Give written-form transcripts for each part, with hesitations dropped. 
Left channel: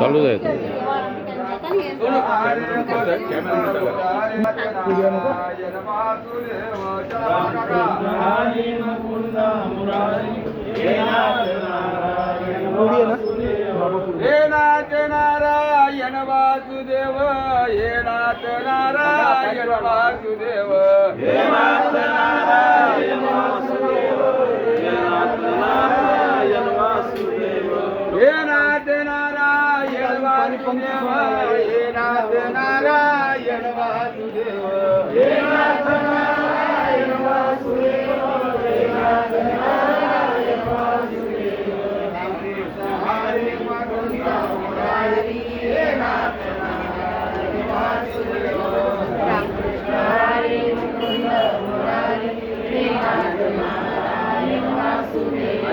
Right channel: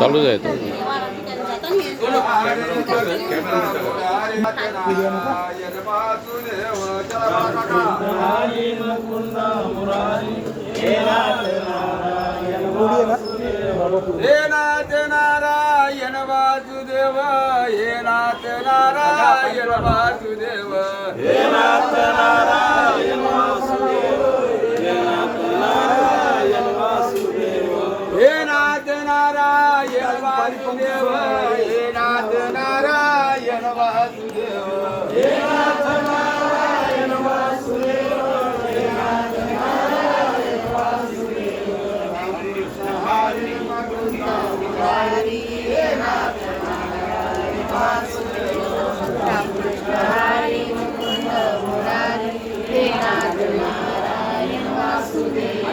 चालू आहे तो. हे नाथ नारायण वासुदेव हे नाथ नारायण वासुदेव हे नाथ नारायण वासुदेव हे नाथ नारायण वासुदेव हे नाथ नारायण वासुदेव हे नाथ नारायण वासुदेव हे नाथ नारायण वासुदेव हे नाथ नारायण वासुदेव हरे हे नाथ नारायण वासुदेव रामकृष्ण हरे मुकुंद मुरारी हे नाथ नारायण वासुदेव रामकृष्ण हरे मुकुंद मुरारी हे नाथ नारायण वासुदेव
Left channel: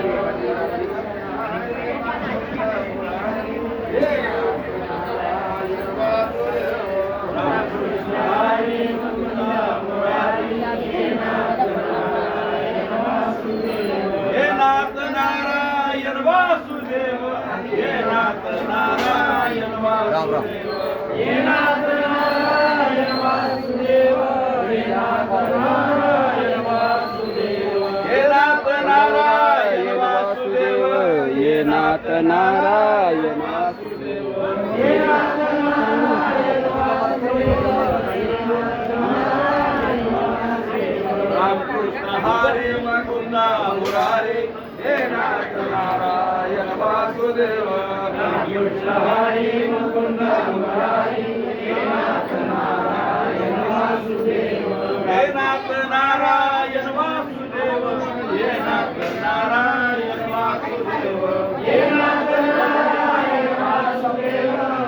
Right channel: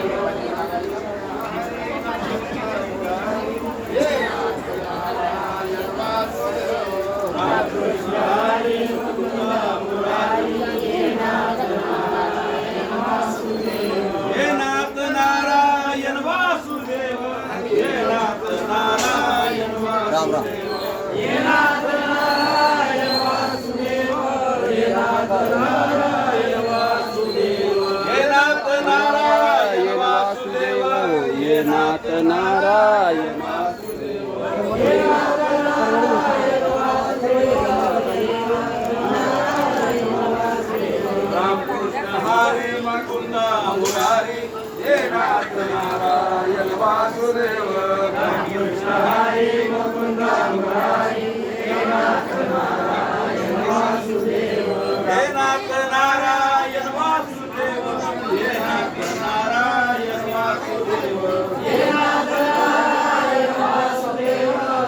हे नाथ नारायण वासुदेव हे नाथ नारायण वासुदेव हे नाथ नारायण वासुदेव हे नाथ नारायण वासुदेव हे नाथ नारायण वासुदेव हे नाथ नारायण वासुदेव हे नाथ नारायण वासुदेव रामकृष्ण हरे मुकुंद मुरारी हे नाथ नारायण वासुदेव रामकृष्ण हरे मुकुंद मुरारी हे नाथ नारायण वासुदेव हे नाथ नारायण वासुदेव हे नाथ नारायण वासुदेव हे नाथ नारायण वासुदेव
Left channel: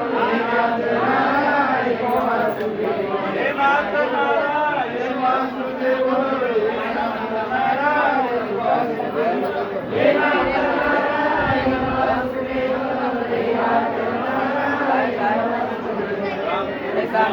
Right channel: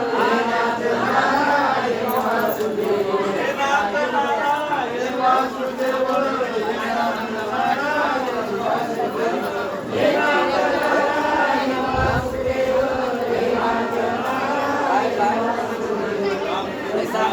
हे नाथ नारायण वासुदेव हे नाथ नारायण वासुदेव हे नाथ नारायण वासुदेव हे नाथ नारायण वासुदेव हे नाथ नारायण वासुदेव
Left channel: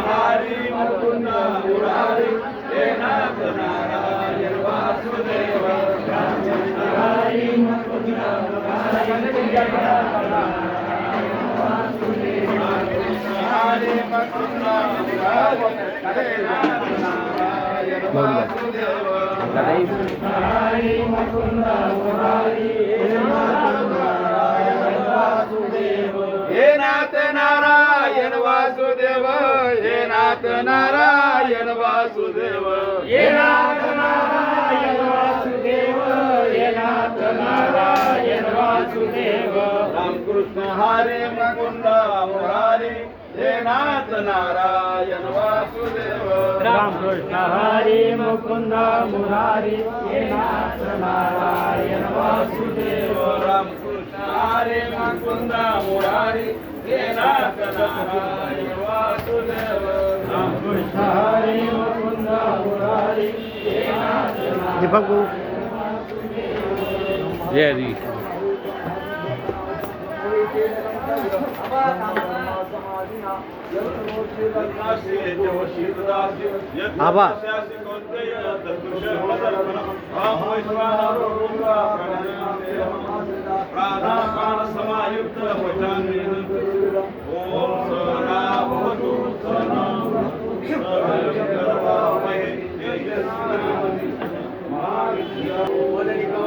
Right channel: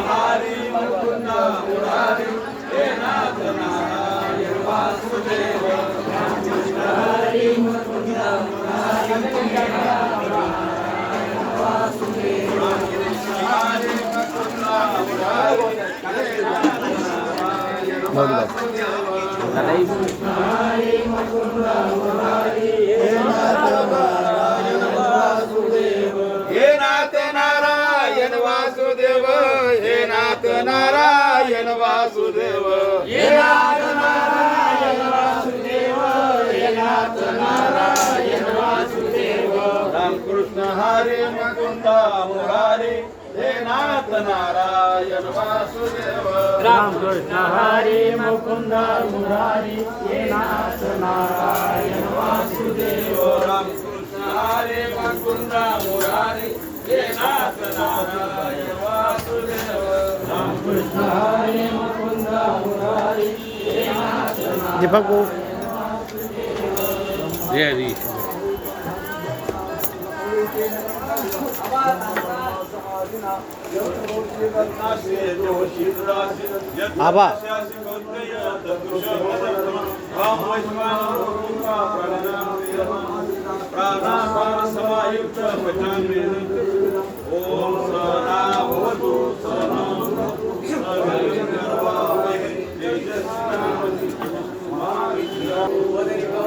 हरे मुकुंद मुरारी हे नाथ नारायण वासुदेव रामकृष्ण हरे मुकुंद मुरारी हे नाथ नारायण वासुदेव रामकृष्ण हरे मुकुंद मुरारी हे नाथ नारायण वासुदेव रामकृष्ण हरे मुकुंद मुरारी हे नाथ नारायण वासुदेव हे नाथ नारायण वासुदेव हे नाथ नारायण वासुदेव हे नाथ नारायण वासुदेव हे नाथ नारायण वासुदेव रामकृष्ण हरे मुकुंद मुरारी हे नाथ नारायण वासुदेव रामकृष्ण हरे मुकुंद मुरारी हे नाथ नारायण वासुदेव रामकृष्ण हरे मुकुंद मुरारी हे नाथ नारायण वासुदेव रामकृष्ण हरे मुकुंद मुरारी हे नाथ दीपक भाऊ जय हरी. आबा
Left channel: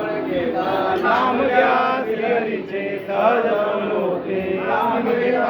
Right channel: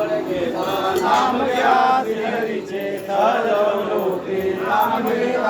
नाम घ्या हरीचे कदम लोटे नाम घ्या